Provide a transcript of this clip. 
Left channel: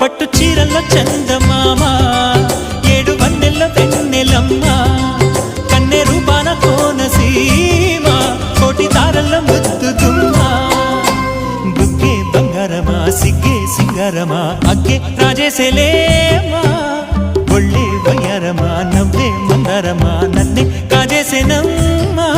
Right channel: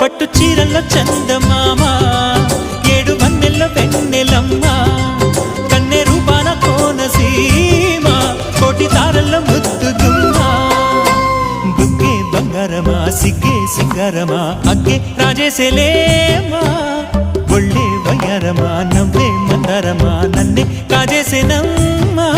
పట్టు చీరల్లో చందమామ ఏడు వన్నెల్లో వెన్నెలమ్మ కన్నె రూపాన కోనసీమ కోటి తారల్లో ముద్దు గుమ్మ బుగ్గే బంగారమా సిగ్గే సింగారమా అగ్గే రాజేసేలేమా ఒళ్ళే వయ్యారమా నవ్వే మందారమా నన్నే కాజేసేనమ్మా